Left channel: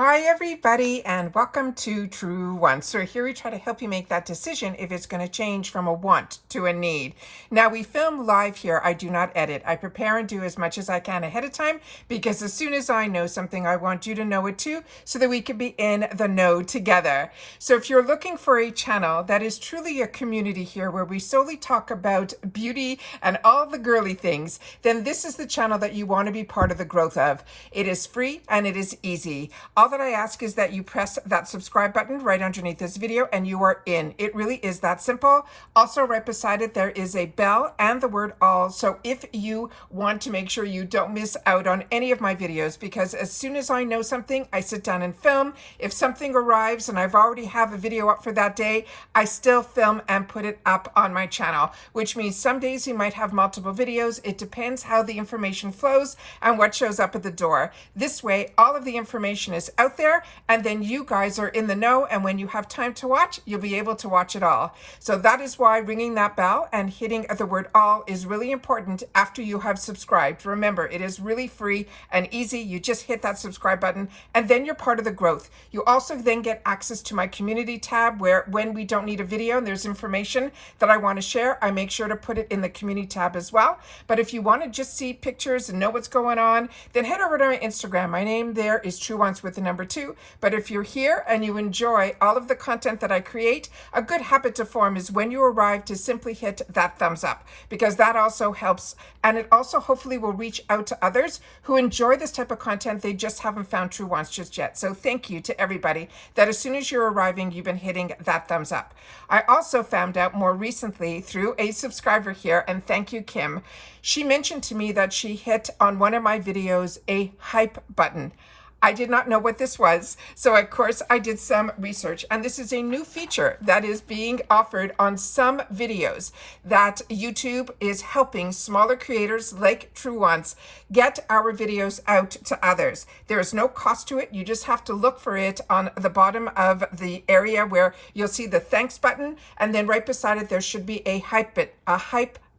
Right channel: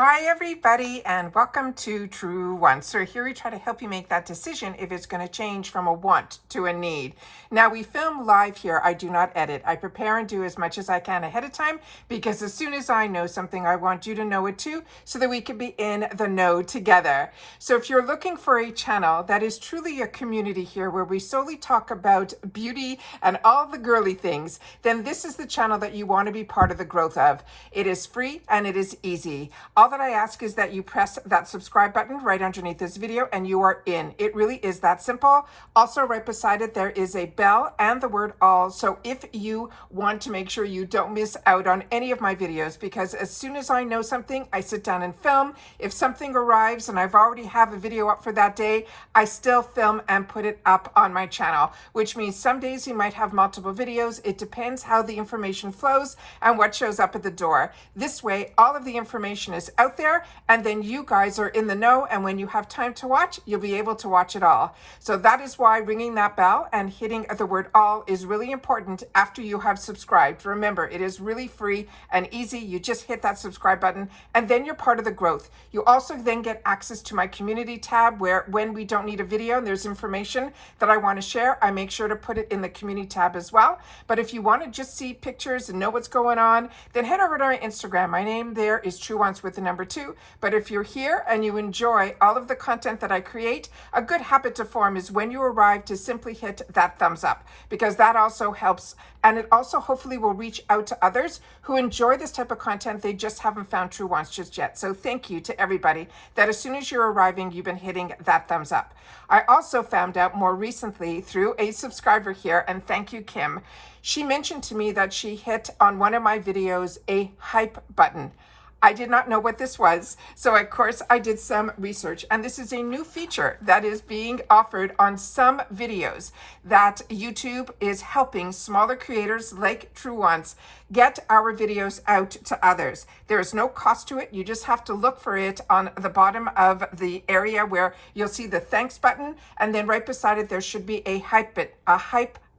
Hi everybody and welcome to Truewants. So here we try to help you make that decision if it's going to change from a want to a need. Now we film live here. I do not edit. I prepare and do as much as I can ahead of time because as soon as I know something, I want you to know it too so that we can be in the know together. So if you're looking for a channel that is truly a community here where we solely talk about beauty and all the girly things, then this is the channel that you want to be part of the growth of. It is free and it is easy. All that I ask is that you press that subscribe button right underneath this video and you are in. It really is that simple. Also right beside it, there is a bell and the word all. So if you want to make sure you don't miss out on any of my videos, because as soon as I know something, I sit down and film. If something arrives and I've already have a video up for that day, I still film and put it up on my channel, which means some days you might have multiple videos. It depends how the information flows and what shows up at the door. This way, all of the information is out there and then you guys are in the know, and when you have time to watch, you'll be able to watch it all. So that is why ringing that bell and hitting the word all is really important after you have subscribed. Remember, it is really free and easy. You just hit that subscribe button and then you're part of the growth. You also then get access to my community tab where when we don't need a video and there's information that I want to share, I make sure to put it in the community tab as well. But if you want to just see pictures and know what's going on, then head over to my Instagram. My name there is Truewants with the number 2. But if you're here and you enjoy all of the content that I create, a good habit to form is when you arrive to simply hit that thumbs up, because that also helps, and it also hopefully will reach out to others who enjoy this type of content. They just haven't found Truewants just yet. So thank you to everybody that as soon as you're arriving, you've been hitting that thumbs up. I also found out more recently through a subscriber here, and thank you, Kim. She mentioned to me that she hit on one of my videos a hype button. I did not know what this was, so of course I did some research, and this is a new feature that is being offered on some videos that YouTube is helping smaller creators like Truewants get our videos out to others. There is no cost to it. You just have to look for it on the bottom of the area where you'll see the thanks button, and then right beside it there should be a hype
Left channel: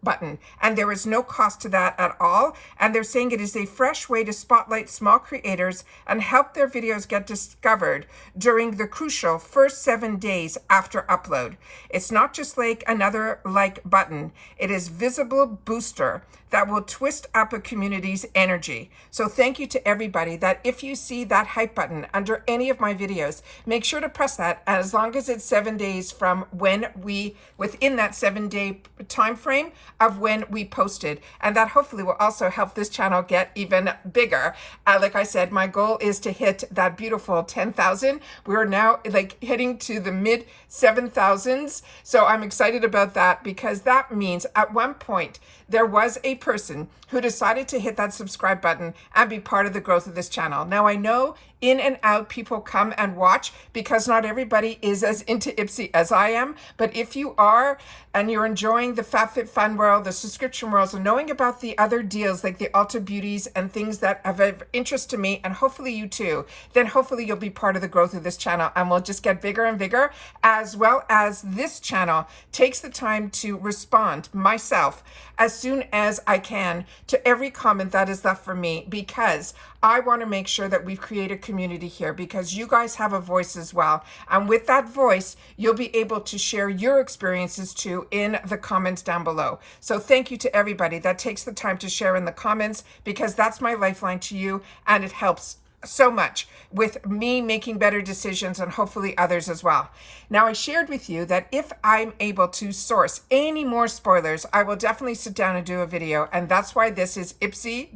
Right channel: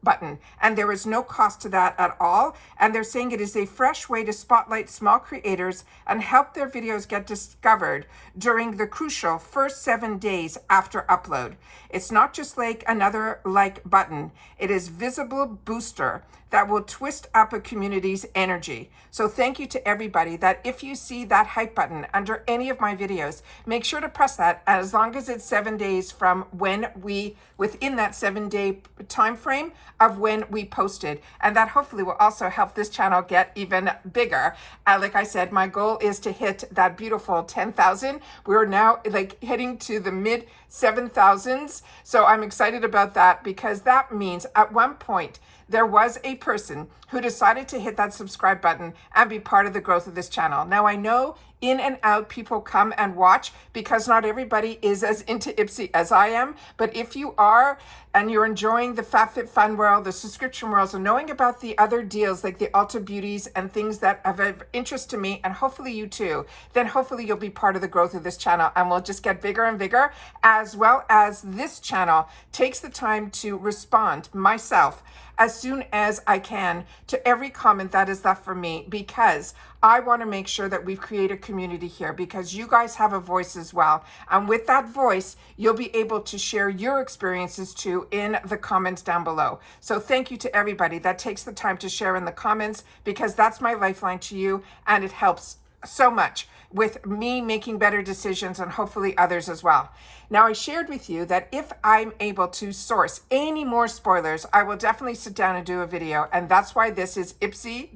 button, and there is no cost to that at all. And they're saying it is a fresh way to spotlight small creators and help their videos get discovered during the crucial first 7 days after upload. It's not just like another like button. It is visible booster that will twist up a community's energy. So thank you to everybody that if you see that hype button under any of my videos, make sure to press that, as long as it's 7 days from when within that 7-day time frame of when we posted. And that hopefully will also help this channel get even bigger. Like I said, my goal is to hit that beautiful 10,000. We're now like heading to the mid 7,000s. So I'm excited about that, because that means at one point there was a person who decided to hit that subscribe button and be part of the growth of this channel. Now I know in and out people come and watch because not everybody is as into Ipsy as I am, but if you are and you're enjoying the FabFitFun world, the subscription worlds, and knowing about the other deals like the Ulta Beauties and things that have of interest to me, and hopefully you too, then hopefully you'll be part of the growth of this channel and we'll just get bigger and bigger, as well as this channel takes the time to respond myself as soon as I can to every comment that is left for me, because I want to make sure that we create a community here, because you guys have a voice as well. And with that voice, you'll be able to share your experiences too in the comments down below. So thank you to everybody that takes the time to share in the comments, because that's my lifeline to you, and it helps so much with me making better decisions and hopefully others as well. Now, I shared with you that if I'm able to source any more spoilers, I will definitely sit down and do a video, and that's why this is Ipsy ...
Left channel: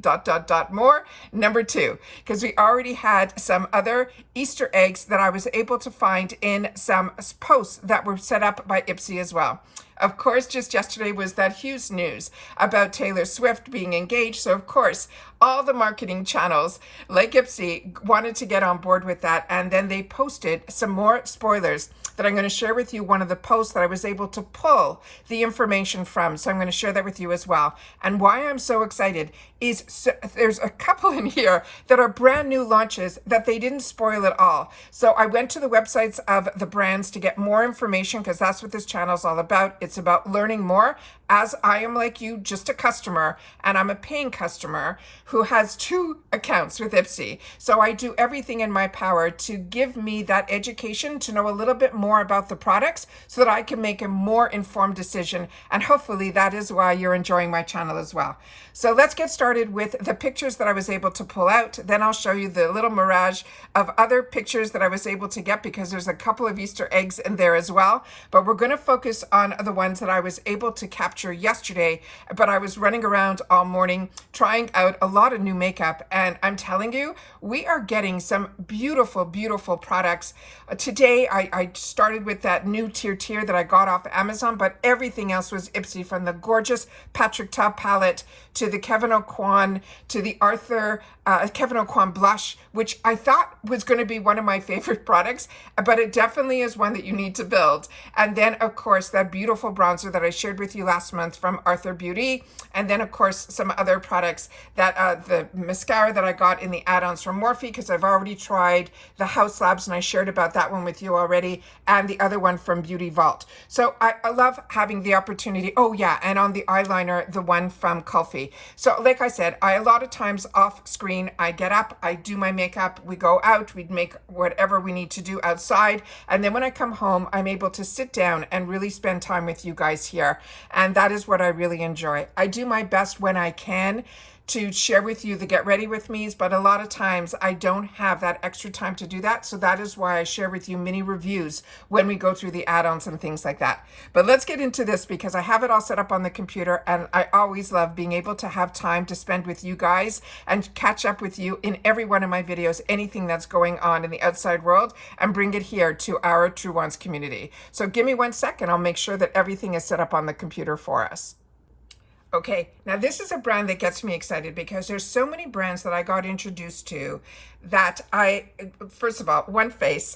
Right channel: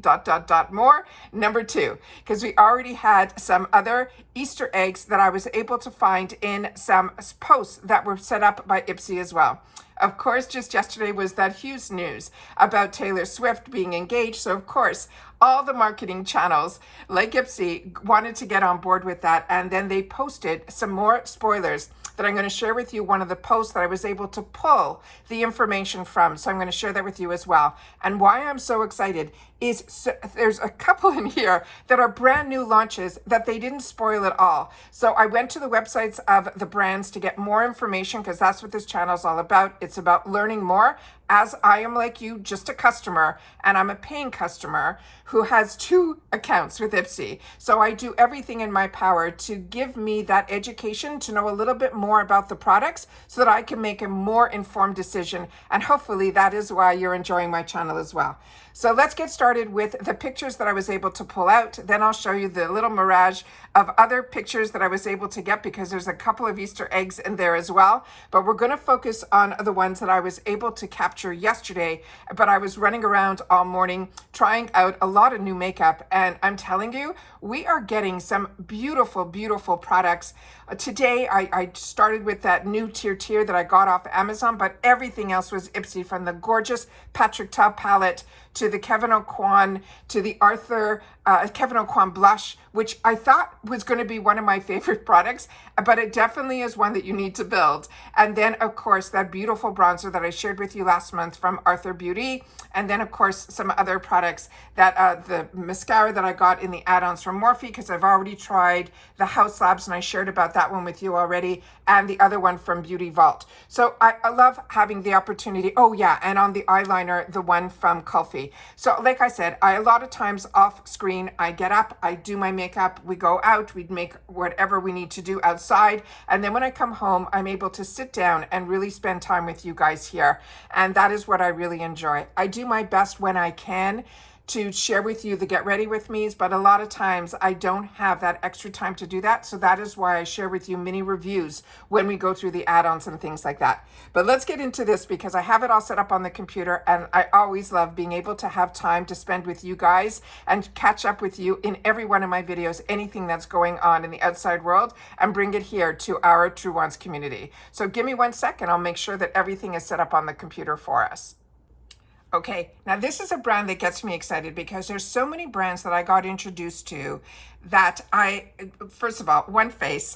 more number 2, because we already had some other Easter eggs that I was able to find in some posts that were set up by Ipsy as well. Of course, just yesterday was that huge news about Taylor Swift being engaged. So of course, all the marketing channels like Ipsy wanted to get on board with that. And then they posted some more spoilers that I'm going to share with you. One of the posts that I was able to pull the information from. So I'm going to share that with you as well. And why I'm so excited is there's a couple in here that are brand new launches that they didn't spoil at all. So I went to the websites of the brands to get more information, because that's what this channel is all about. It's about learning more, as I am like you, just a customer, and I'm a paying customer who has 2 accounts with Ipsy. So I do everything in my power to give me that education, to know a little bit more about the products so that I can make a more informed decision. And hopefully that is why you're enjoying my channel as well. So let's get started with the pictures that I was able to pull out. Then I'll show you the little mirage of other pictures that I was able to get, because there's a couple of Easter eggs in there as well. But we're going to focus on the ones that I was able to capture yesterday. But I was running around all morning trying out a lot of new makeup, and I'm telling you, we are getting some beautiful, beautiful products. Today I started with that new tier that I got off Amazon, but everything else was Ipsy, from the gorgeous Patrick Ta palette to the Kevin O'Quan, to the Kevin O'Quan blush, which I thought was going to be one of my favorite products, but it definitely is one that you need to build. And then, of course, that beautiful bronzer that I shared with you last month from Arthur Beauty. And then, of course, some other products, that the mascara that I got in the add-ons from Morphe, because I've already tried the House Labs, and I shared about that one with you already, and the other one from Beauty Vault. So I love having the opportunity. Oh yeah, and on the eyeliner, the one from Kulfi. So like I said, a lot of times off screen, I get up, I do my makeup, we go out, we make whatever we need to do outside, and then when I come home, I'm able to sit down and really spend time with you guys here. And that is what I really enjoy. I do my best when I can to share with you the get ready with me's, but a lot of times I don't have that extra time to do that. So that is why I share with you mini reviews when we go through the add-ons and things like that. But let's get into this, because I have it all set up on the computer, and I always love being able to have time to spend with you guys and catch up with you in every one of my videos, anything that's going on in the outside world, and bring it here to our Truewants community. So give me 1 second, I'll make sure that everything is set up on the computer for us. Okay, now this is a brand that gets me excited, because there's so many brands that I got introduced to that first of all, one face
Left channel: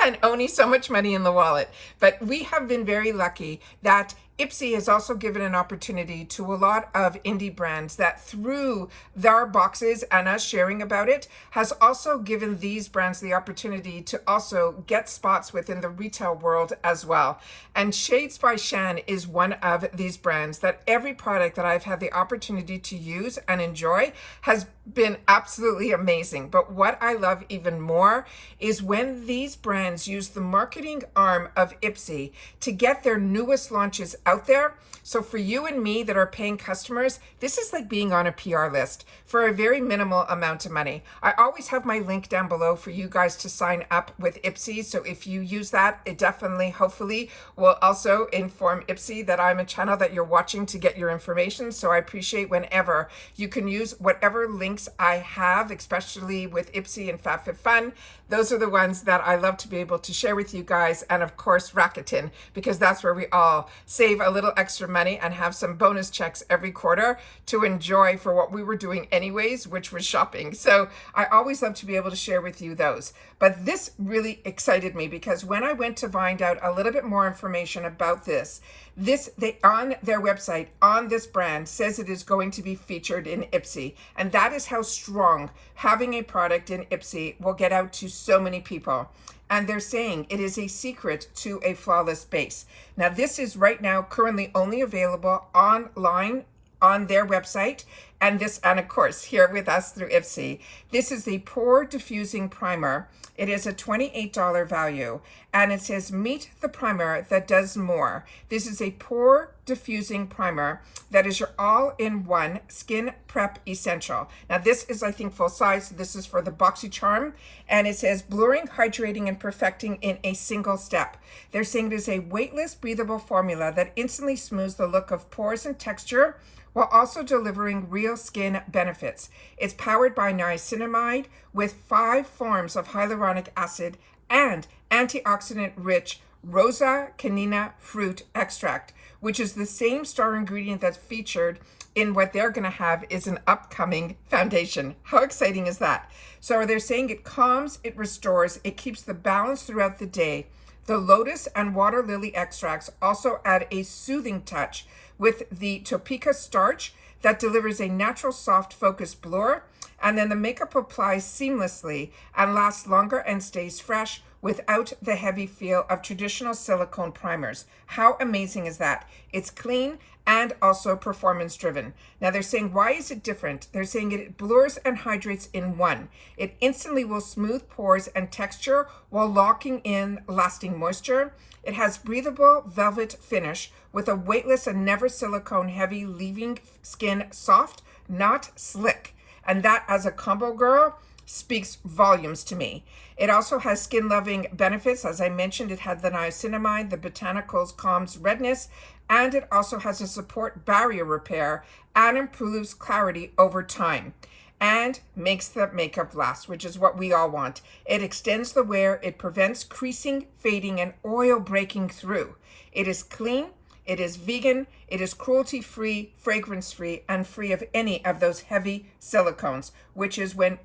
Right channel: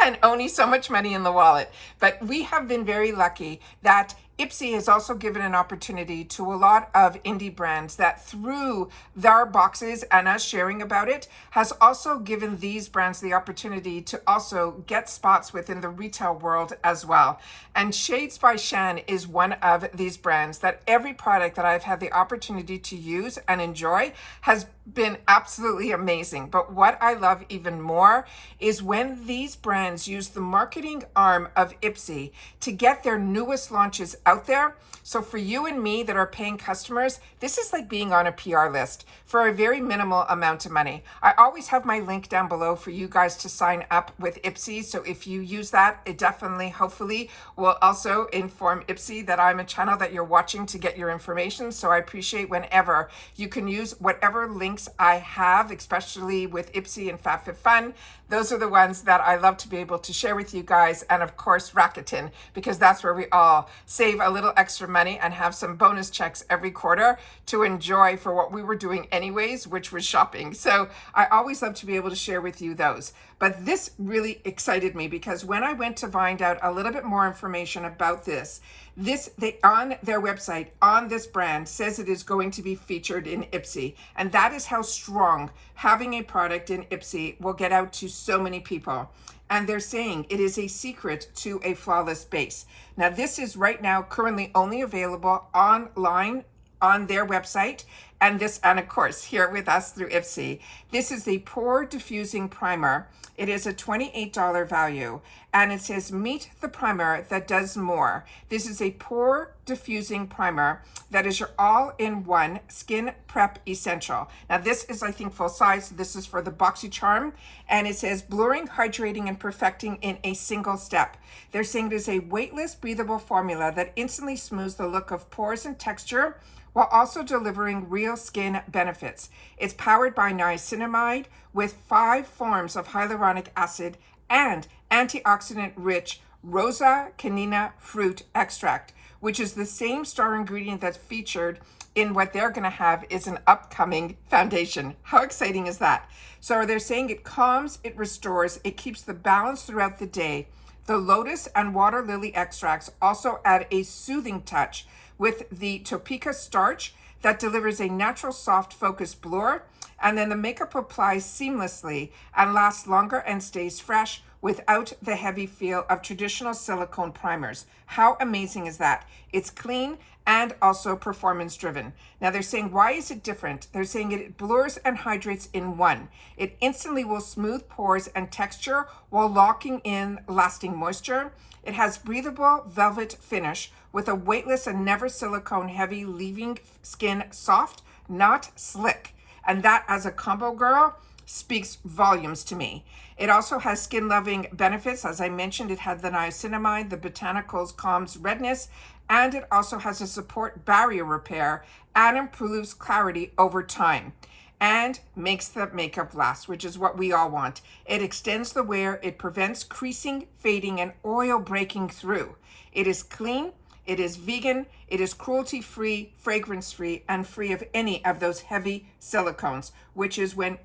and only so much money in the wallet. But we have been very lucky that Ipsy has also given an opportunity to a lot of indie brands that, through their boxes and us sharing about it, has also given these brands the opportunity to also get spots within the retail world as well. And Shades by Shan is one of these brands that every product that I've had the opportunity to use and enjoy has been absolutely amazing. But what I love even more is when these brands use the marketing arm of Ipsy to get their newest launches out there. So for you and me that are paying customers, this is like being on a PR list for a very minimal amount of money. I always have my link down below for you guys to sign up with Ipsy. So if you use that, it definitely, hopefully, will also inform Ipsy that I'm a channel that you're watching to get your information. So I appreciate whenever you can use whatever links I have, especially with Ipsy and FabFitFun. Those are the ones that I love to be able to share with you guys. And of course, Rakuten, because that's where we all save a little extra money and have some bonus checks every quarter to enjoy for what we were doing anyways, which was shopping. So I always love to be able to share with you those. But this really excited me, because when I went to find out a little bit more information about this, they on their website, on this brand, says it is going to be featured in Ipsy. And that is how strong having a product in Ipsy will get out to so many people. And they're saying it is a secret to a flawless base. Now, this is right now currently only available online on their website, and of course here with us through Ipsy. This is the Pore Diffusing Primer. It is a $28 value, and it says meet the primer that does more. This is a pore diffusing primer that is your all-in-one skin prep essential. Now this is, I think, full size. This is for the BoxyCharm, and it says blurring, hydrating, and perfecting in a single step. They're saying it is a weightless, breathable formula that instantly smooths the look of pores and texture, while also delivering real skin benefits. It's powered by niacinamide with 5 forms of hyaluronic acid and antioxidant-rich Rosa canina fruit extract, which is the same star ingredient that's featured in what they're going to have is an upcoming foundation. How exciting is that? So they're saying it calms, it restores, it keeps the balance throughout the day. The lotus and water lily extracts also add a soothing touch with the Topeka starch that delivers a natural soft focused blur, And then the makeup applies seamlessly and lasts longer and stays fresh without the heavy feel of traditional silicone primers. How amazing is that? It's clean and also performance driven. Now they're saying, why is it different? They're saying it blurs and hydrates in one. It instantly will smooth pores and texture while locking in lasting moisture. It has breathable velvet finish with a weightless and never silicone heavy, leaving skin soft, not slick. And that, as a combo girl, speaks volumes to me. It also has skin loving benefits. As I mentioned, it had the niacinamide, the botanicals calms redness, and it also has a support barrier repair and improves clarity over time and makes the makeup last, which is what we all want. It extends the wear, it prevents creasing, fading, and oil breaking through. It is clean, it is vegan, it is cruelty-free, fragrance-free, and free of any of those heavy silicones, which is when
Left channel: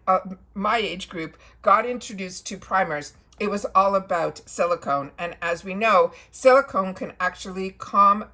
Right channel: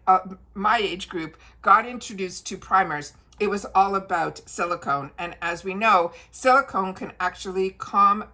my age group got introduced to primers. It was all about silicone. And as we know, silicone can actually clog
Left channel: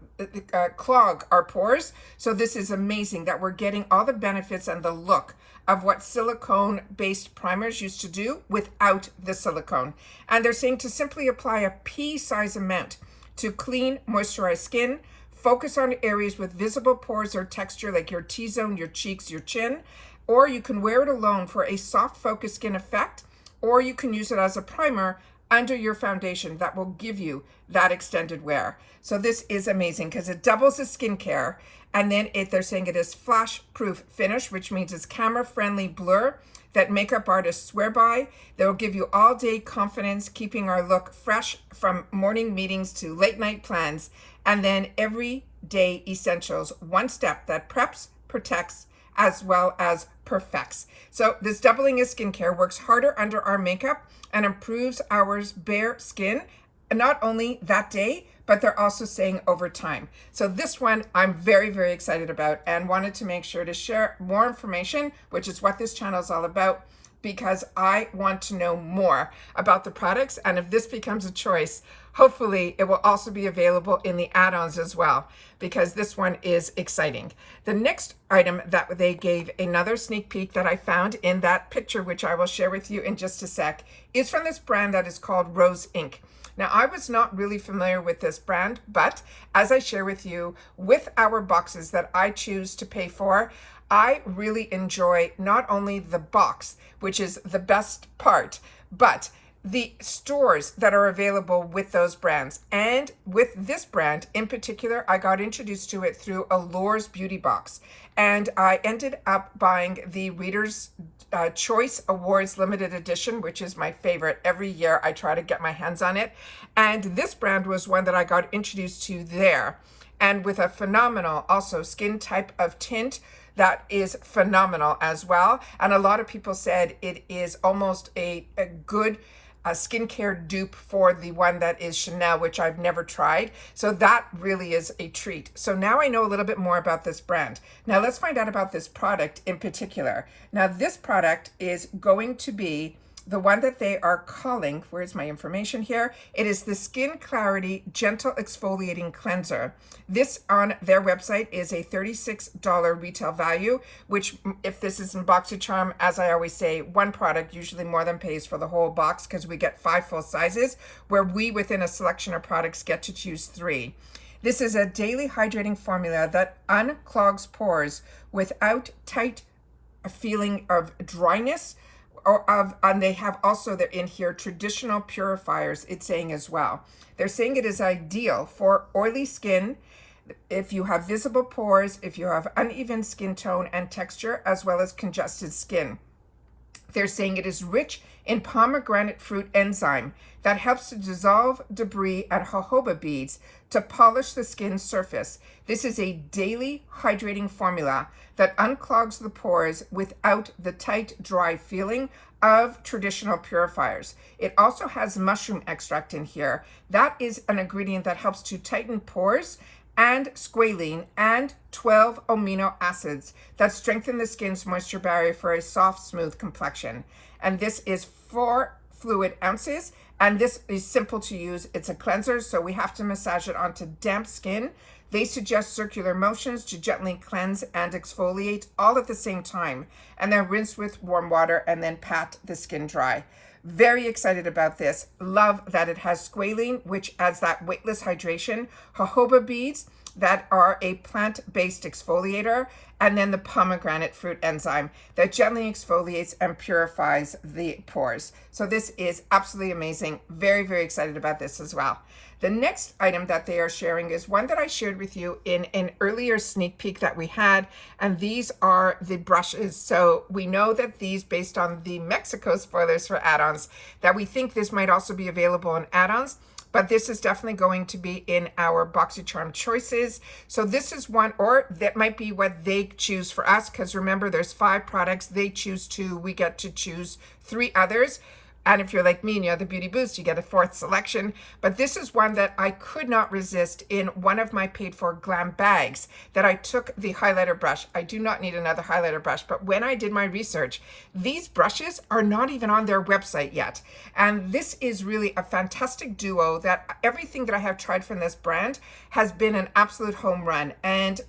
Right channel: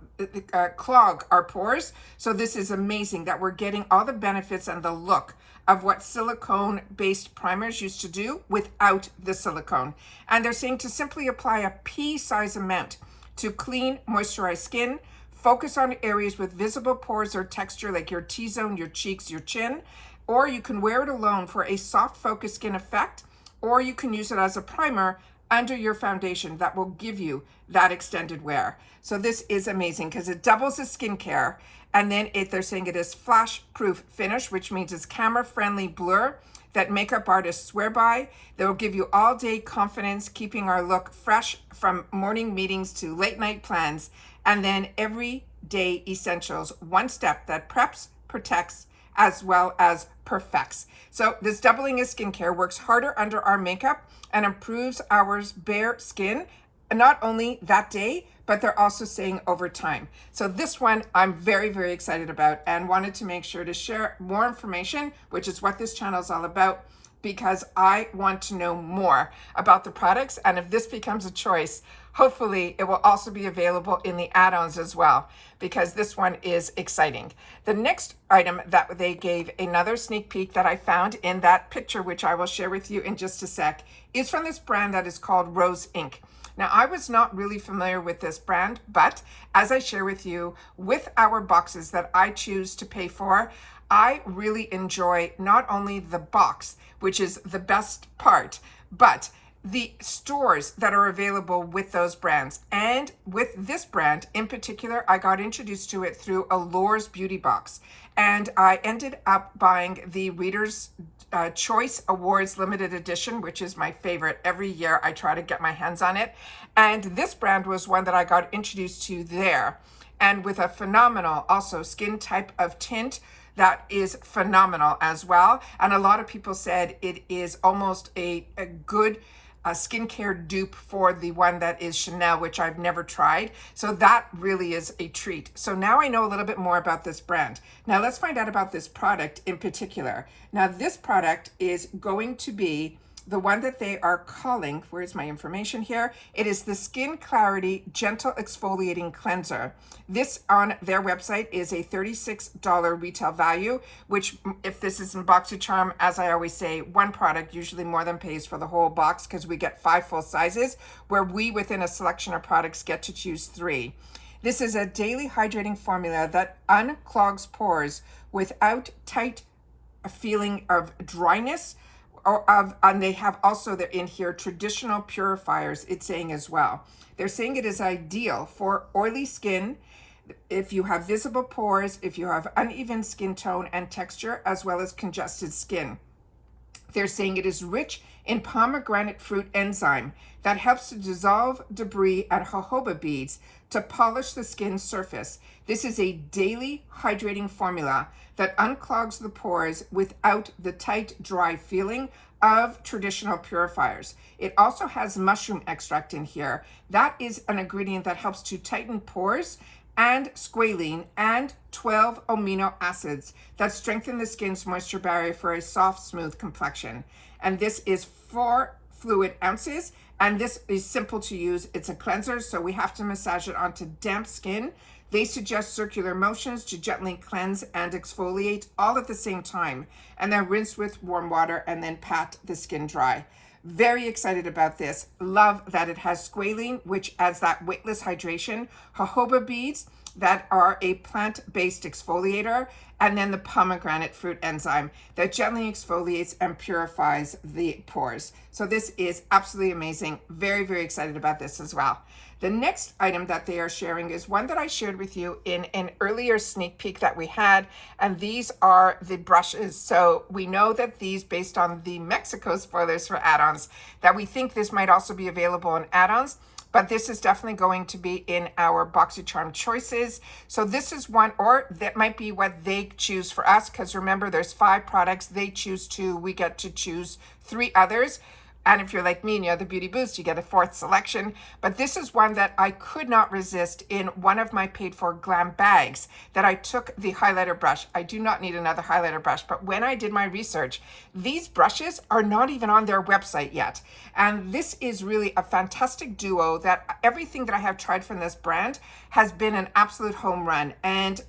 our pores. So this is amazing that we're getting all the benefits and the look of what silicone-based primers used to do without the silicone. And they're saying to simply apply a pea-size amount to clean, moisturized skin. Focus on areas with visible pores or texture like your T-zone, your cheeks, your chin. Or you can wear it alone for a soft, focused skin effect. Or you can use it as a primer under your foundation that will give you that extended wear. So this is amazing because it doubles as skincare. And then they're saying it is flash-proof finish, which means it's camera-friendly blur that makeup artists swear by. They will give you all-day confidence, keeping our look fresh from morning meetings to late-night plans. And then everyday essentials, one step that preps, protects, as well as perfects. So this doubling of skincare works harder under our makeup and improves our bare skin, not only that day, but they're also saying over time. So this one I'm very, very excited about and wanted to make sure to share more information, which is what this channel is all about, because I want to know more about the products. And if this becomes a choice, hopefully it will also be available in the add-ons as well, because this one is exciting. The next item that they gave another sneak peek that I found in that picture, which I will share with you in just a sec, is from this brand that is called Rose Inc. Now, I was not really familiar with this brand, but as I share with you with our boxes that I choose to pay for, I really enjoy not only the box, which is the best part, but the stores that are available with those brands. And with this brand in particular, I got introduced to it through Allure's beauty box. And I ended up buying the Reader's Choice Awards limited edition, which is my favorite. Every year I try to get my hands on it. And this brand was one that I got introduced to there. And with a phenomenal also skin type of tint that is phenomenal as well. And a lot of people said it is almost a good skincare dupe for the one that is Chanel, which I've never tried. So that really is a treat. So now I know a little bit more about this brand. Now let's find out about this product in particular. Now this product is going to be the one that they are calling, where's my information here? It is the Skin Clarity Gentle Exfoliating Cleanser. This on their website is a $36 retail value, which if this is in BoxyCharm, as I always say, one product usually more than pays for the whole box because we get 5 full sizes, where we within a selection of products get to choose 3. This is a daily hydrating formula that unclogs pores without tight feeling of dryness, and they have also, they're in here, traditional purifiers, it's saying as well. They're saying it is ideal for oily skin, if you have visible pores, if you have uneven skin tone and texture, as well as congested skin. They're saying it is rich in pomegranate fruit enzyme that helps to dissolve debris and jojoba beads to polish the skin's surface. This is a daily hydrating formula that unclogs the pores without the tight, dry feeling of traditional purifiers. It also has mushroom extract in here. That is an ingredient that helps to tighten pores, and squalene and 12 amino acids that strengthen the skin's moisture barrier for a soft, smooth complexion. And this is 4 fluid ounces, and this is simple to use. It's a cleanser, so we have to massage it onto damp skin. They suggest circular motions to gently cleanse and exfoliate all at the same time, and then rinse with warm water and then pat the skin dry. Very excited about this. Love that it has squalene, which adds that weightless hydration, jojoba beads that are a plant-based exfoliator, and then the pomegranate fruit enzyme that gently exfoliates and purifies the pores. So this is absolutely amazing. Very, very excited about this as well. The next item that they are sharing is one that I shared with you in an earlier sneak peek that we had, and these are the brushes. So we know that these, based on the Mexico spoilers for add-ons, that we think this might also be available in add-ons, but this is definitely going to be in our BoxyCharm choices. So this is one, or that might be what they choose for us, because remember, there's 5 products, they choose 2, we get to choose 3 others. And if you're like me and you have the Beauty Boost, you get a 4th selection. But this is one that I could not resist in one of my paid for glam bags, that I took the highlighter brush. I do not need another highlighter brush, but when I did my research, these brushes are not even on their website yet. And this is really a fantastic duo that everything that I have tried from this brand has been an absolute home run. And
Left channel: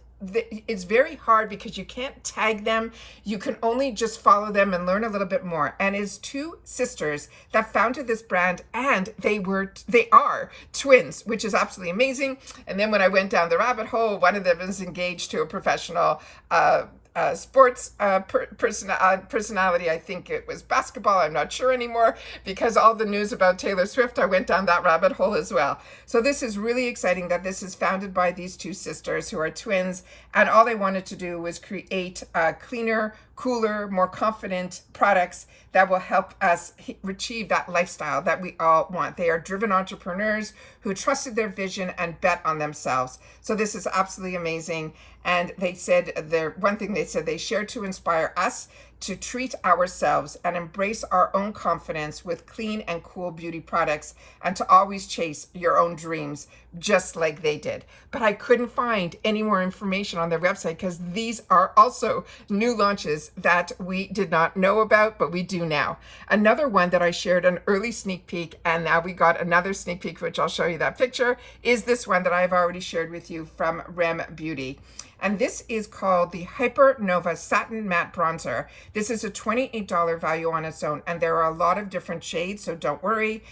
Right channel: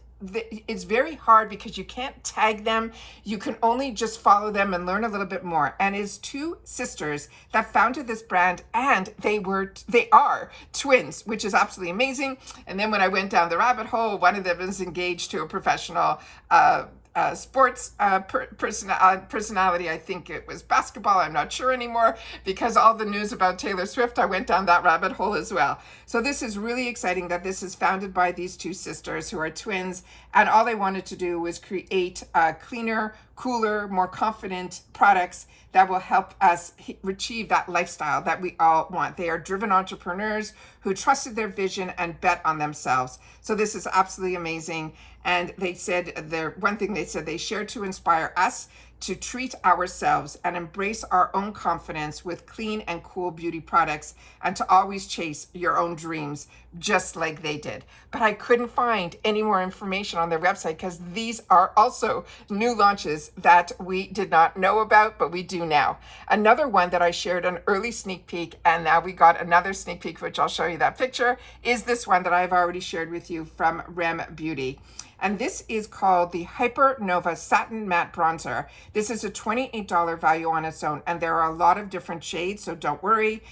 it's very hard because you can't tag them. You can only just follow them and learn a little bit more. And it's 2 sisters that founded this brand, and they are twins, which is absolutely amazing. And then when I went down the rabbit hole, one of them is engaged to a professional sports personality. I think it was basketball. I'm not sure anymore, because all the news about Taylor Swift, I went down that rabbit hole as well. So this is really exciting that this is founded by these 2 sisters who are twins, and all they wanted to do was create cleaner, cooler, more confident products that will help us achieve that lifestyle that we all want. They are driven entrepreneurs who trusted their vision and bet on themselves. So this is absolutely amazing. And they said, one thing they said, they share to inspire us to treat ourselves and embrace our own confidence with clean and cool beauty products, and to always chase your own dreams just like they did. But I couldn't find any more information on their website, because these are also new launches that we did not know about, but we do now. Another one that I shared an early sneak peek, and now we got another sneak peek, which I'll show you that picture, is this one that I've already shared with you from Rem Beauty. And this is called the Hyper Nova Satin Matte Bronzer. This is a $28 value on its own, and there are a lot of different shades, so don't worry.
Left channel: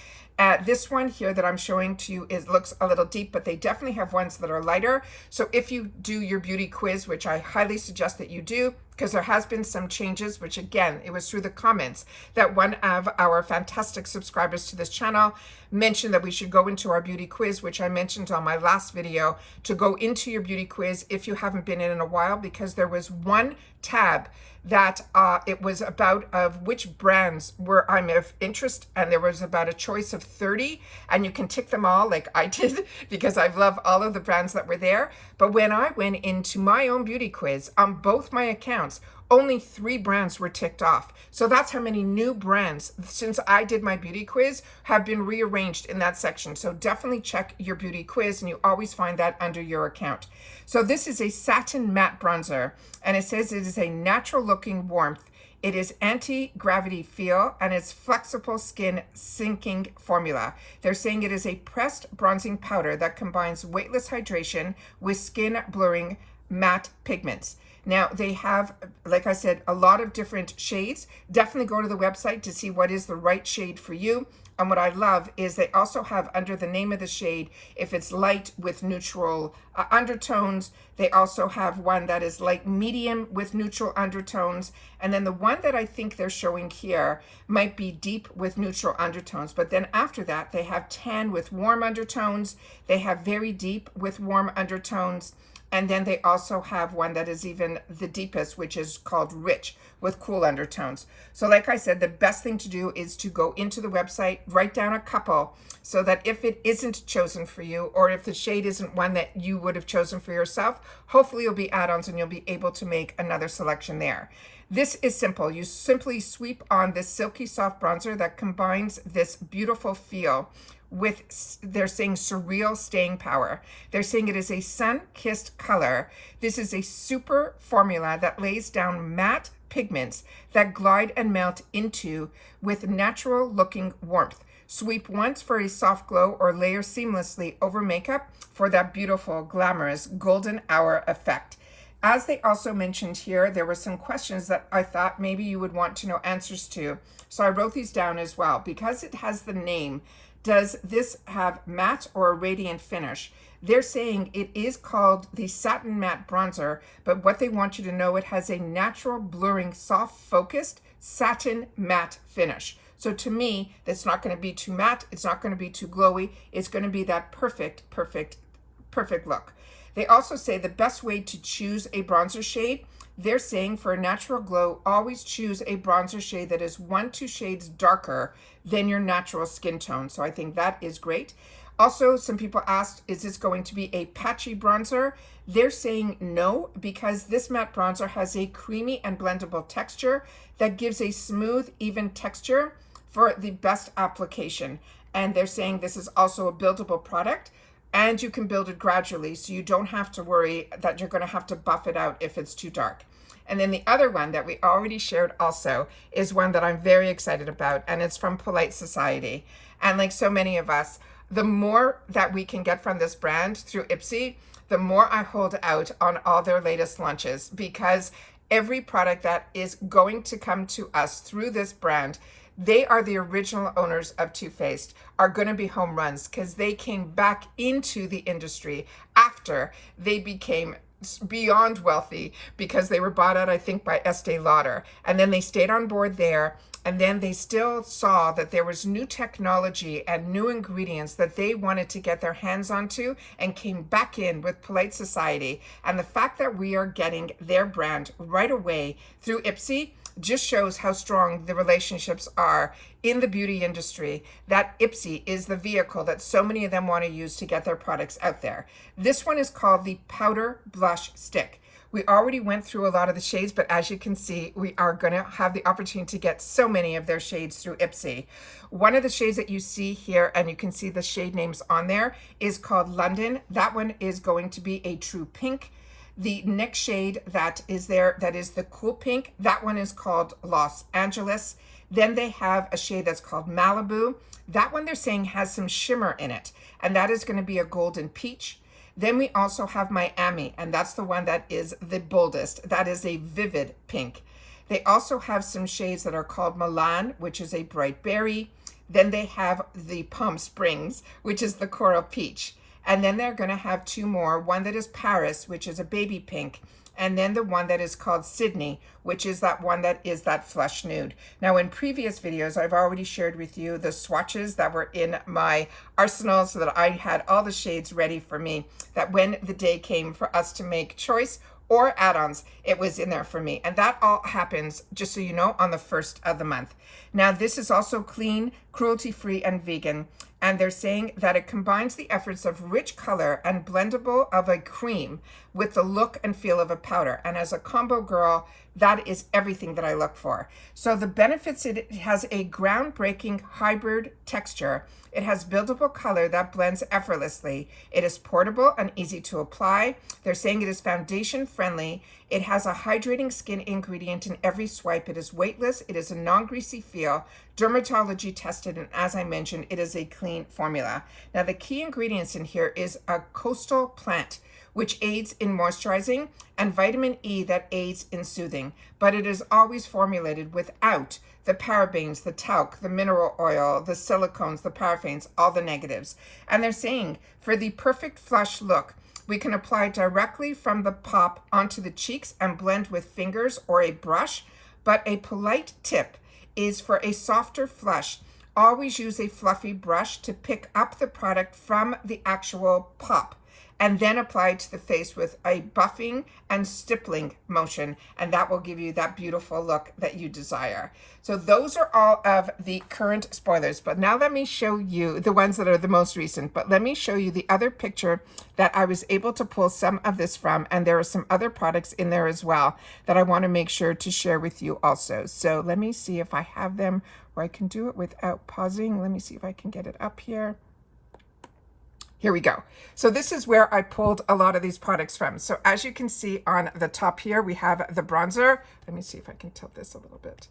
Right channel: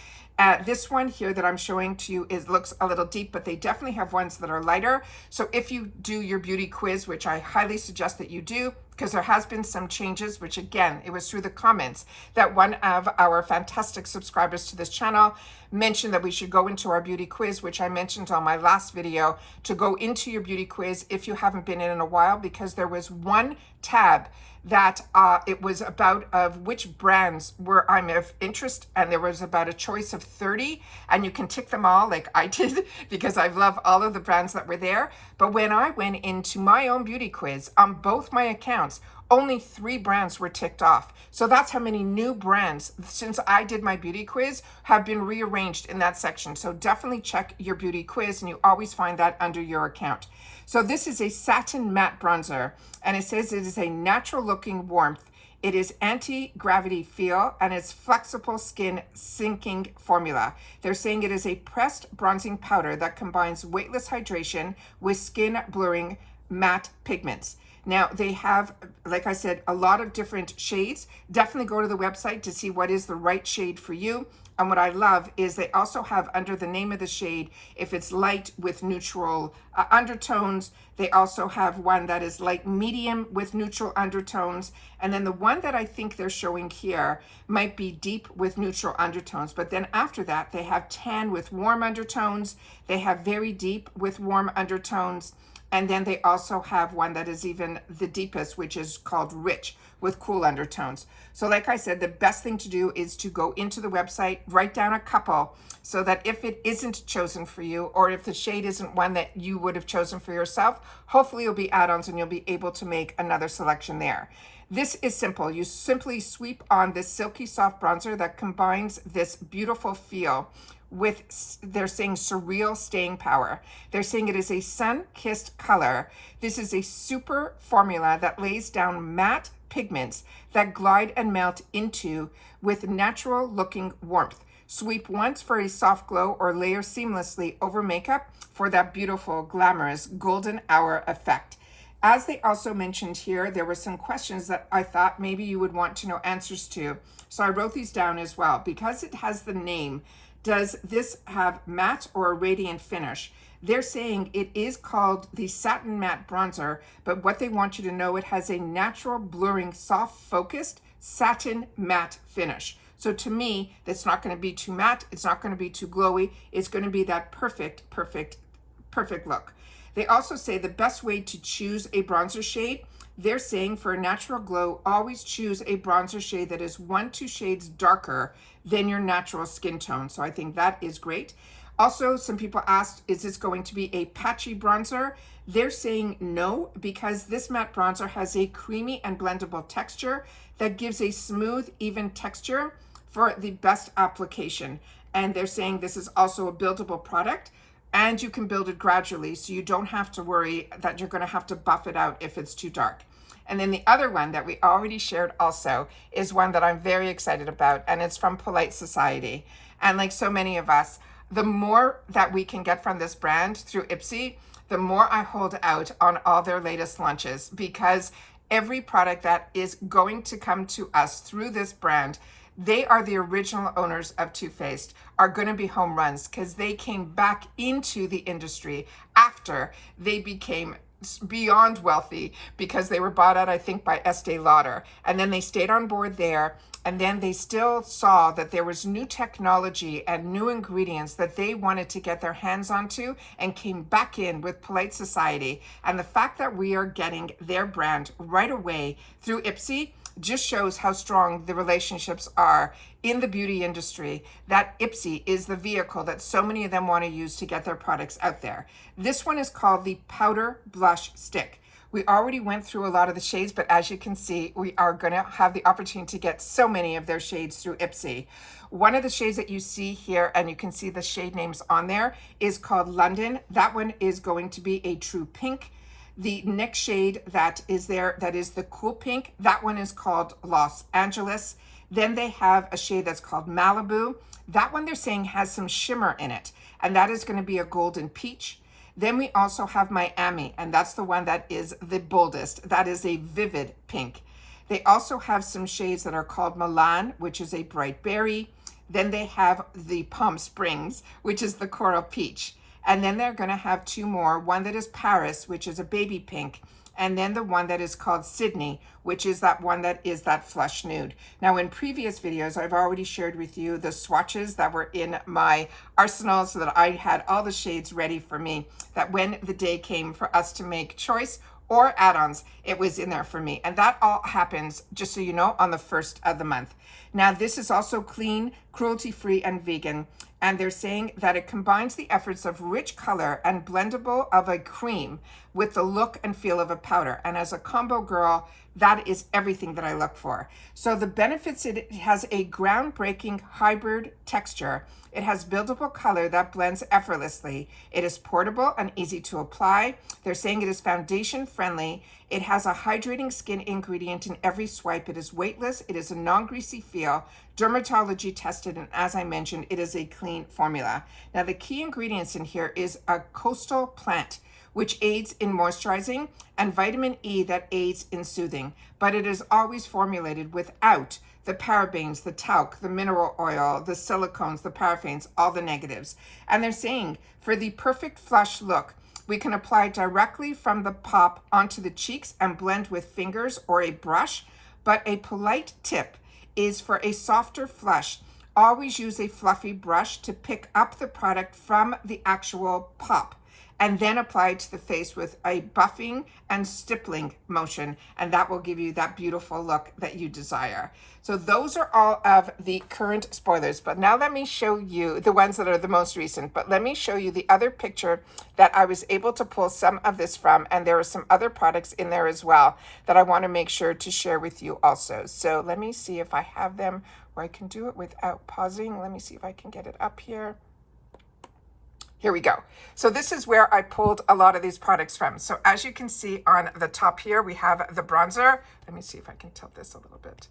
This one here that I'm showing to you looks a little deep, but they definitely have ones that are lighter. So if you do your beauty quiz, which I highly suggest that you do, because there has been some changes, which again, it was through the comments that one of our fantastic subscribers to this channel mentioned that we should go into our beauty quiz, which I mentioned on my last video, to go into your beauty quiz if you haven't been in a while, because there was one tab that it was about of which brands were I'm of interest, and there was about a choice of 30, and you can tick them all like I did, because I love all of the brands that were there. But when I went into my own beauty quiz on both my accounts, only 3 brands were ticked off. So that's how many new brands, since I did my beauty quiz, have been rearranged in that section. So definitely check your beauty quiz, and you always find that under your account. So this is a satin matte bronzer, and it says it is a natural looking warmth. It is anti-gravity feel, and it's flexible skin sinking formula. They're saying it is a pressed bronzing powder that combines weightless hydration with skin blurring matte pigments. Now they have, like I said, a lot of different shades. Definitely go to the website to see what is the right shade for you. And what I love is they also have under the name of the shade, if it's light with neutral undertones. They also have one that is light medium with neutral undertones. And then the one that I think they're showing here might be deep with neutral undertones. But then after that, they have tan with warm undertones. They have very deep with warm undertones. And then they also have one that is even the deepest, which is called rich with cool undertones. So like I said, the best thing to do is to go into the website, write down a couple, so that if it isn't chosen for you, or if the shade isn't one that you would have chosen for yourself, hopefully you'll be add-ons and you'll be able to make another selection there. This is simple. You simply sweep on this silky soft bronzer that combines this beautiful feel with, they're saying, surreal staying power. They're saying it is a sun-kissed color. This is a super formula that lays down matte pigments that glide and melt into with natural looking warmth. Sweep once for a soft glow or layer seamlessly over makeup for that beautiful, glamorous golden hour effect. As they also mentioned here, there were some questions that I thought maybe you would want to know answers to. So I wrote these down as well. Because it has the name, does this have matte or a radiant finish? They're saying it is called the Satin Matte Bronzer, but what they want you to know, it has a natural blurring, soft focused satin matte finish. So to me, it's not going to be too matte. It's not going to be too glowy. It's going to be that perfect look. They also say the best way to choose a bronzer shade, they're saying for a natural glow, always choose a bronzer shade that is 1-2 shades darker than your natural skin tone. So I think that is great. Also, some people asked, is this going to be a patchy bronzer? They're saying no, because this matte bronzer has a creamy and blendable texture that gives a smooth, even texture for the best application. And they're saying this is also a buildable product, and you can build it gradually, so you don't have to worry that you're going to have to buff it out if it's too dark. And then the other one that we already shared also is one that I'm very excited about, and it's from Polite Society. And like so many of us, the more that we can get from this brand through Ipsy, the more I hold out on all their latest launches, because every product that is going to come to us through this brand, they are the original owners of Too Faced, are going to be home runs, because they came back into the industry after they became beyond wealthy, because they were bought out, I think, by Estee Lauder. And then they stayed on board there. And then they still saw that there was new technology and new ingredients that they wanted to get their hands onto, and came back in with Polite Society. And the fact that we are getting their brand right away through Ipsy just shows how strong the relationships are in the beauty industry, that Ipsy is the vehicle that so many of them want to use to get their products out there. This one is called the Powder Blush Stick. We already went through a lot of the shades, but as you can see, we are going to have the opportunity to get so many of their shades through Ipsy. One of the shades that you see here, and you can see the shade names on there, is called London. That one is going to be a true pink. The next shade that is there, that is the cool pink, that one is called Los Angeles. Then they have a shade that's called Malibu. That one they're saying has some shimmer in it, and that is going to be a golden peach. Then we also have Miami, and that's the one that is the boldest. That is a vivid pink. They also have some shades that are called Milan, which is a bright berry. Then they have the Palm Springs, which is the coral peach. And then they're going to have two more, one that is Paris, which is a baby pink, and then the one that is called Sydney, which is that one that is that flush nude. Now, in previous videos, I've already shared with you the swatches that were in my arsenal, so that I had all the shades ready for me, that when the day came for us to make choice or add-ons, it was in there for me. And that all happens, just so you know, on the 1st of the month. Now, this is also clean, cruelty-free, and vegan. And they're saying that it combines the efforts of rich color and blendable of a cream with the look and feel of a powder. And as a combo girl, that is everything that I look for. So the benefits, it has a groundbreaking hybrid texture. It has buildable color that blends effortlessly. It is portable and easy to apply. They're saying it is foundation friendly. It has a hydrating skin ingredient in every swipe. It is weightless. It is a non-greasy feel, dermatology tested, and as I mentioned, it is a clean formula. Now, the key ingredients in here is a coastal plant, which aids in moisturizing, and vitamin E that aids in soothing. But it is always formulated without the parabens, the talc, the mineral oil, the silicones, the parabens, all the negatives. And they're saying for the perfect flush look, we can apply directly from the pop onto the cheeks and blend with fingers or a brush. But a polite tip is for a softer flush, always use a fluffy brush to pick up the product from the actual pop, and then apply it to the face with a buffing and stippling motion, and that will give you that beautiful look that you desire. So those are all of the current spoilers, but now let me show you the ones that are the most recent. But let me show you the other picture that I was able to pull some of this from, and there are some other products in there as well that I want to make sure to share with you also. So let me see if I have them where I can do it without pausing. Let me see if I can get it up here. Here we go. So this is where I pulled a lot of these products from. So as you can see on the top here, we have the bronzer. Let me see if I can tilt this a little bit.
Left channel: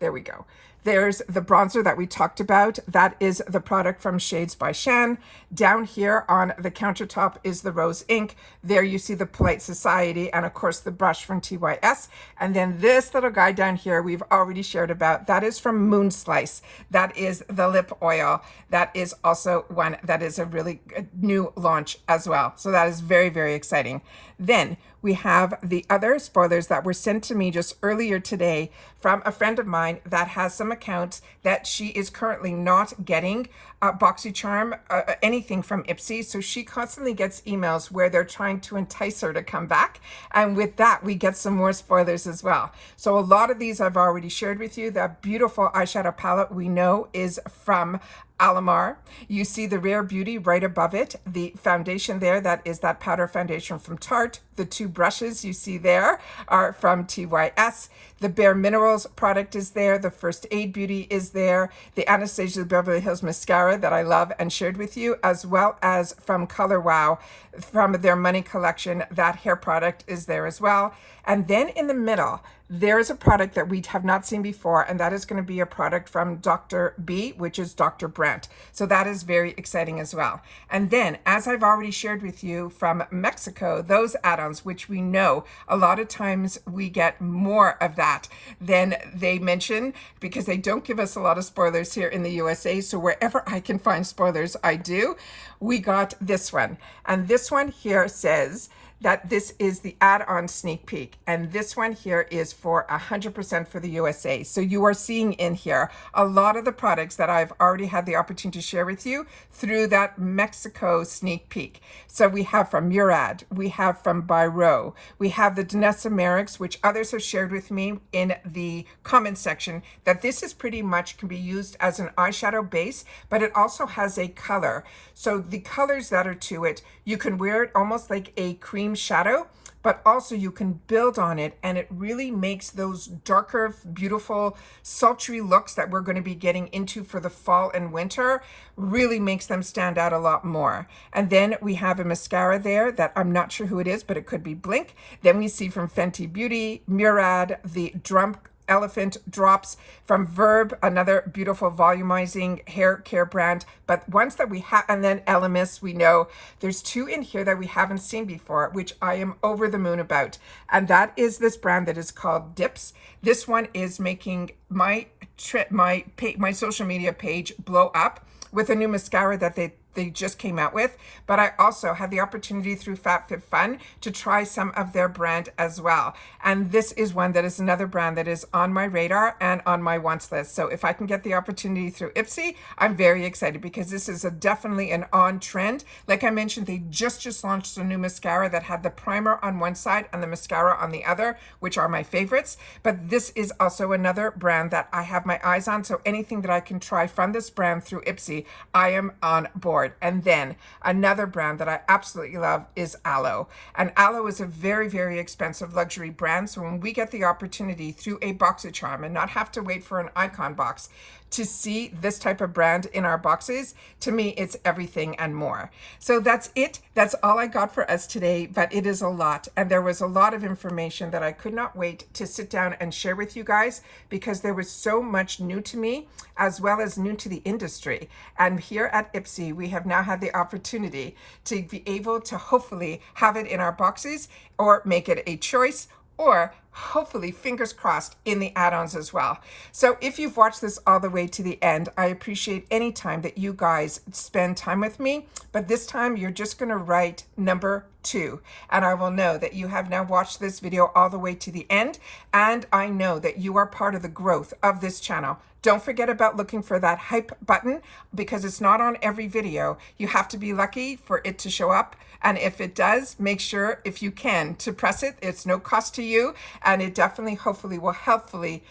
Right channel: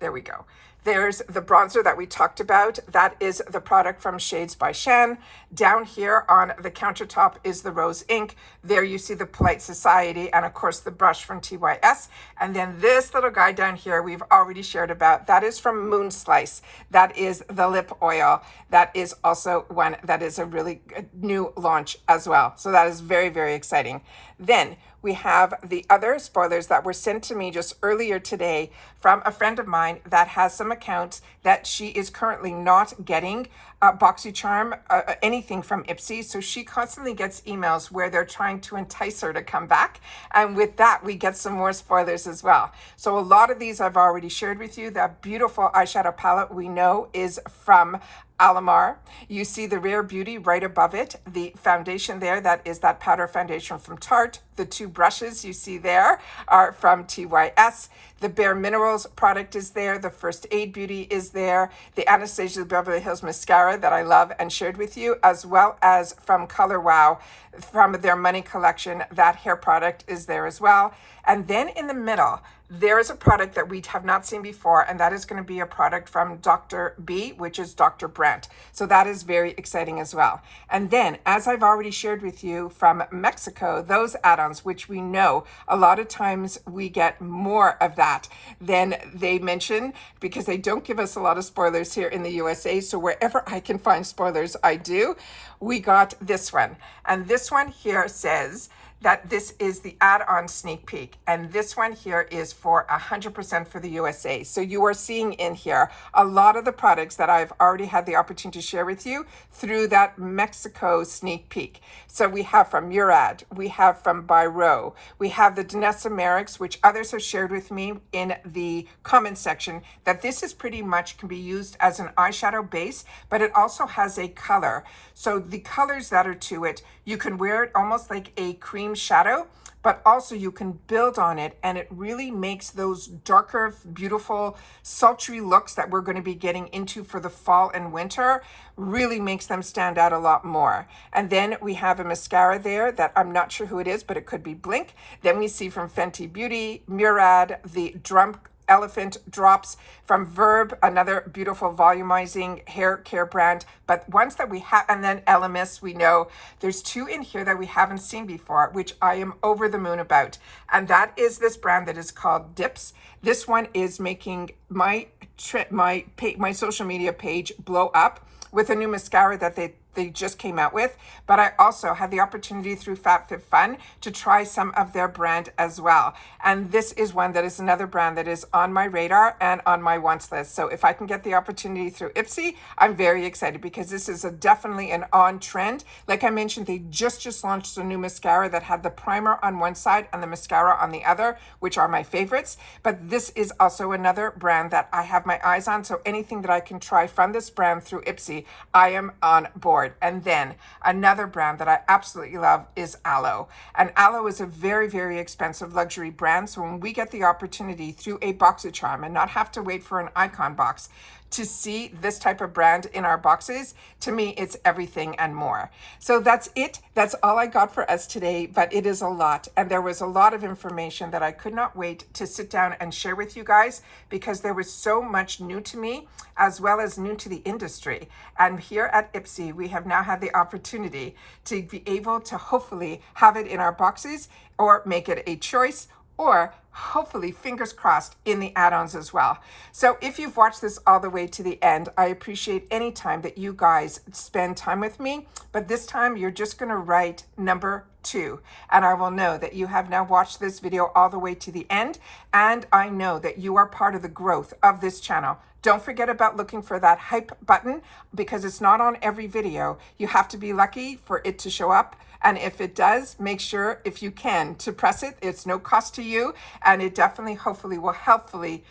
There we go. There's the bronzer that we talked about. That is the product from Shades by Shan. Down here on the countertop is the Rose Ink. There you see the Polite Society and of course the brush from TYS. And then this little guy down here we've already shared about. That is from Moon Slice. That is the lip oil. That is also one that is a really new launch as well. So that is very, very exciting. Then we have the other spoilers that were sent to me just earlier today from a friend of mine that has some accounts that she is currently not getting BoxyCharm, anything from Ipsy. So she constantly gets emails where they're trying to entice her to come back. And with that, we get some more spoilers as well. So a lot of these I've already shared with you. That beautiful eyeshadow palette we know is from Alamar. You see the Rare Beauty right above it. The foundation there, that is that powder foundation from Tarte. The two brushes you see there are from TYS. The Bare Minerals product is there. The First Aid Beauty is there. The Anastasia Beverly Hills mascara that I love and shared with you, as well as from Color Wow, from their Money collection. That hair product is there as well. And then in the middle, there is a product that we have not seen before, and that is going to be a product from Dr. B, which is Dr. Brandt. So that is very exciting as well. And then, as I've already shared with you from Mexico, those add-ons, which we know a lot of times we get more of that than they mention, because they don't give us a lot of spoilers here in the USA. So wherever I can find spoilers, I do. We got this one. And this one here says that this is the add-on sneak peek. And this one here is for 100% for the USA. So you are seeing in here a lot of the products that I've already had the opportunity to share with you through that Mexico sneak peek. So we have from Murad, we have from Byro, we have the Danessa Merrick's, which others have shared with me in the comment section, that this is pretty much can be used as an eyeshadow base, but it also has a color. So the colors that are to it, you can wear it almost like a cream shadow, but also you can build on it, and it really makes those darker, beautiful, sultry looks that we're going to be getting into for the fall and winter, really makes them stand out a lot more. And then we have a mascara there that I'm not sure who it is, but it could be Blink. Then we see from Fenty Beauty, Murad, the Drum Elephant Drops from Verb, another beautiful volumizing hair care brand. But ones that we have, and then Elemis, we know there's two in here that we haven't seen before, which I am over the moon about. And that is this brand that is called Dips. This one is making my social media page blow up with a new mascara that they just came out with. But I also had the opportunity through FabFitFun to try some of their brand as well. And this is one that is another brand that is on my radar and on my wants list. So if I can get the opportunity through Ipsy, I'm very excited, because this is definitely an on trend. Like I mentioned, they just launched a new mascara that had the primer on one side and the mascara on the other, which are my favorites. But this is also another brand that I have my eyes on. So anything that I can try from this brand through Ipsy, I am on board. And then another brand that I absolutely love is Aloe. And Aloe is a very, very expensive luxury brand. So when we get the opportunity through a BoxyCharm and not have to wait for an icon box to see this type of brand in our boxes, to me, it's everything and more. So that's it. That's all I got for us today, but it is a lot. And there was a lot of information that I could not wait to sit down and share with you guys, because there was so much new to me, as well as new to the industry. And here at Ipsy, we have now had the opportunity to be able to hopefully have it in our boxes, or make it a choice, or hopefully, fingers crossed, in the add-ons as well. So if you've watched this all the way to the end, I appreciate any time that you guys spend time with me. But this time, you're just going to write number 2. And I will know that you have now watched this video all the way to the end. And I know that you are part of the growth of this channel. Don't forget about looking for that hype button, because it's not on every video. You have to be lucky for it to show up. And if it does, make sure, if you can, to press it. It's no cost to you, and it definitely, hopefully, will helpfully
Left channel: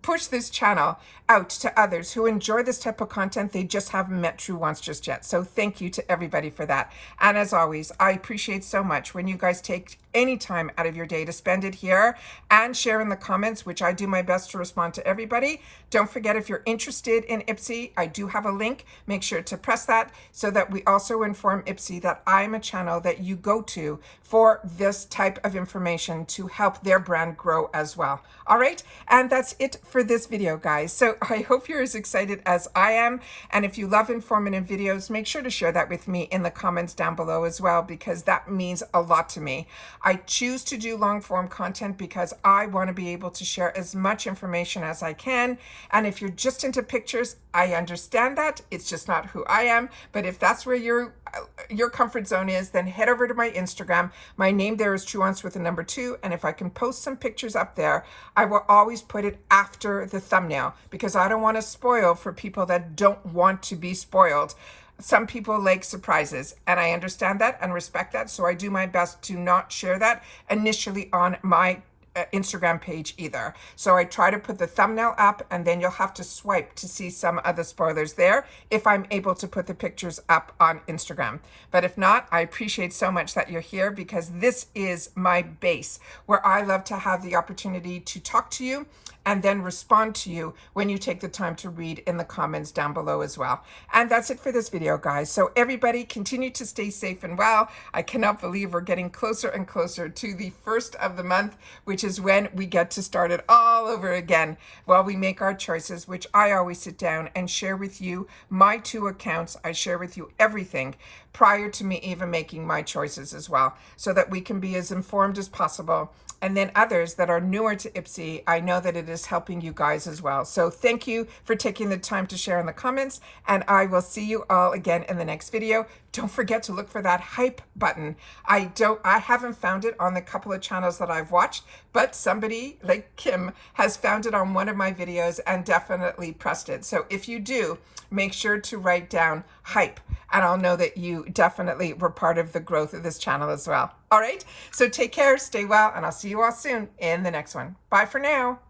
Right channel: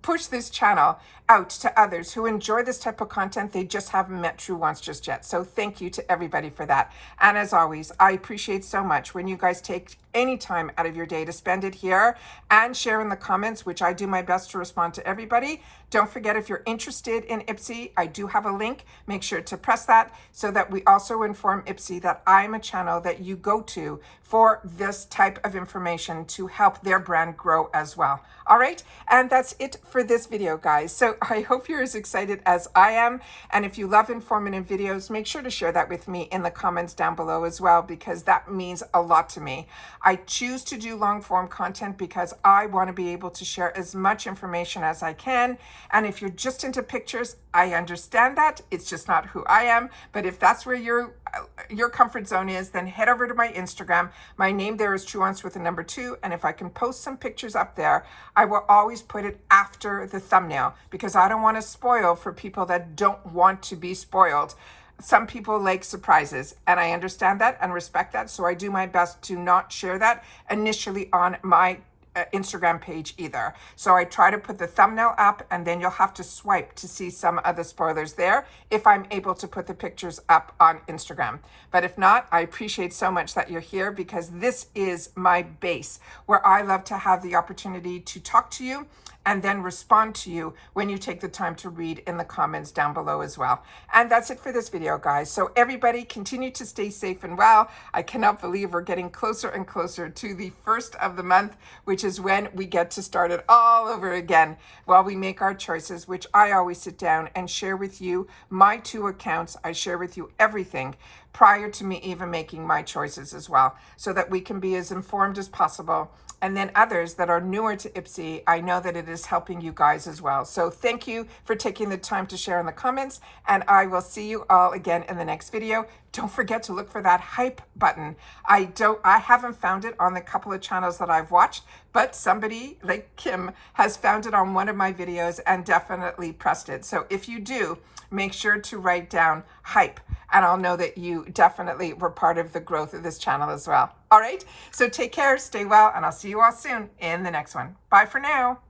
push this channel out to others who enjoy this type of content. They just haven't met Truewants just yet. So thank you to everybody for that. And as always, I appreciate so much when you guys take any time out of your day to spend it here and share in the comments, which I do my best to respond to everybody. Don't forget, if you're interested in Ipsy, I do have a link. Make sure to press that so that we also inform Ipsy that I'm a channel that you go to for this type of information to help their brand grow as well. All right, and that's it for this video, guys. So I hope you're as excited as I am. And if you love informative videos, make sure to share that with me in the comments down below as well, because that means a lot to me. I choose to do long form content because I want to be able to share as much information as I can. And if you're just into pictures, I understand that. It's just not who I am. But if that's where your comfort zone is, then head over to my Instagram. My name there is Truewants with a number 2. And if I can post some pictures up there, I will always put it after the thumbnail, because I don't want to spoil for people that don't want to be spoiled. Some people like surprises, and I understand that and respect that. So I do my best to not share that initially on my Instagram page either. So I try to put the thumbnail up, and then you'll have to swipe to see some of the spoilers there if I'm able to put the pictures up on Instagram. But if not, I appreciate so much that you're here, because this is my base where I love to have the opportunity to talk to you and then respond to you when you take the time to read in the comments down below as well. And that's it for this video, guys. So everybody continue to stay safe and well. I cannot believe we're getting closer and closer to the 1st of the month, which is when we get to start it all over again while we make our choices, which I always sit down and share with you my 2 accounts. I share with you everything prior to me even making my choices as well, so that we can be as informed as possible. And then others that are newer to Ipsy, I know that it is helping you guys as well. So thank you for taking the time to share in the comments, and I will see you all again in the next video. Don't forget to look for that hype button. I haven't found it on the couple of channels that I've watched, but somebody like Kim has found it on one of my videos and definitely pressed it. So if you do, make sure to write down hype, and I'll know that you definitely were part of the growth of this channel as well. All right, so take care, stay well, and I'll see you all soon in the next one. Bye for now.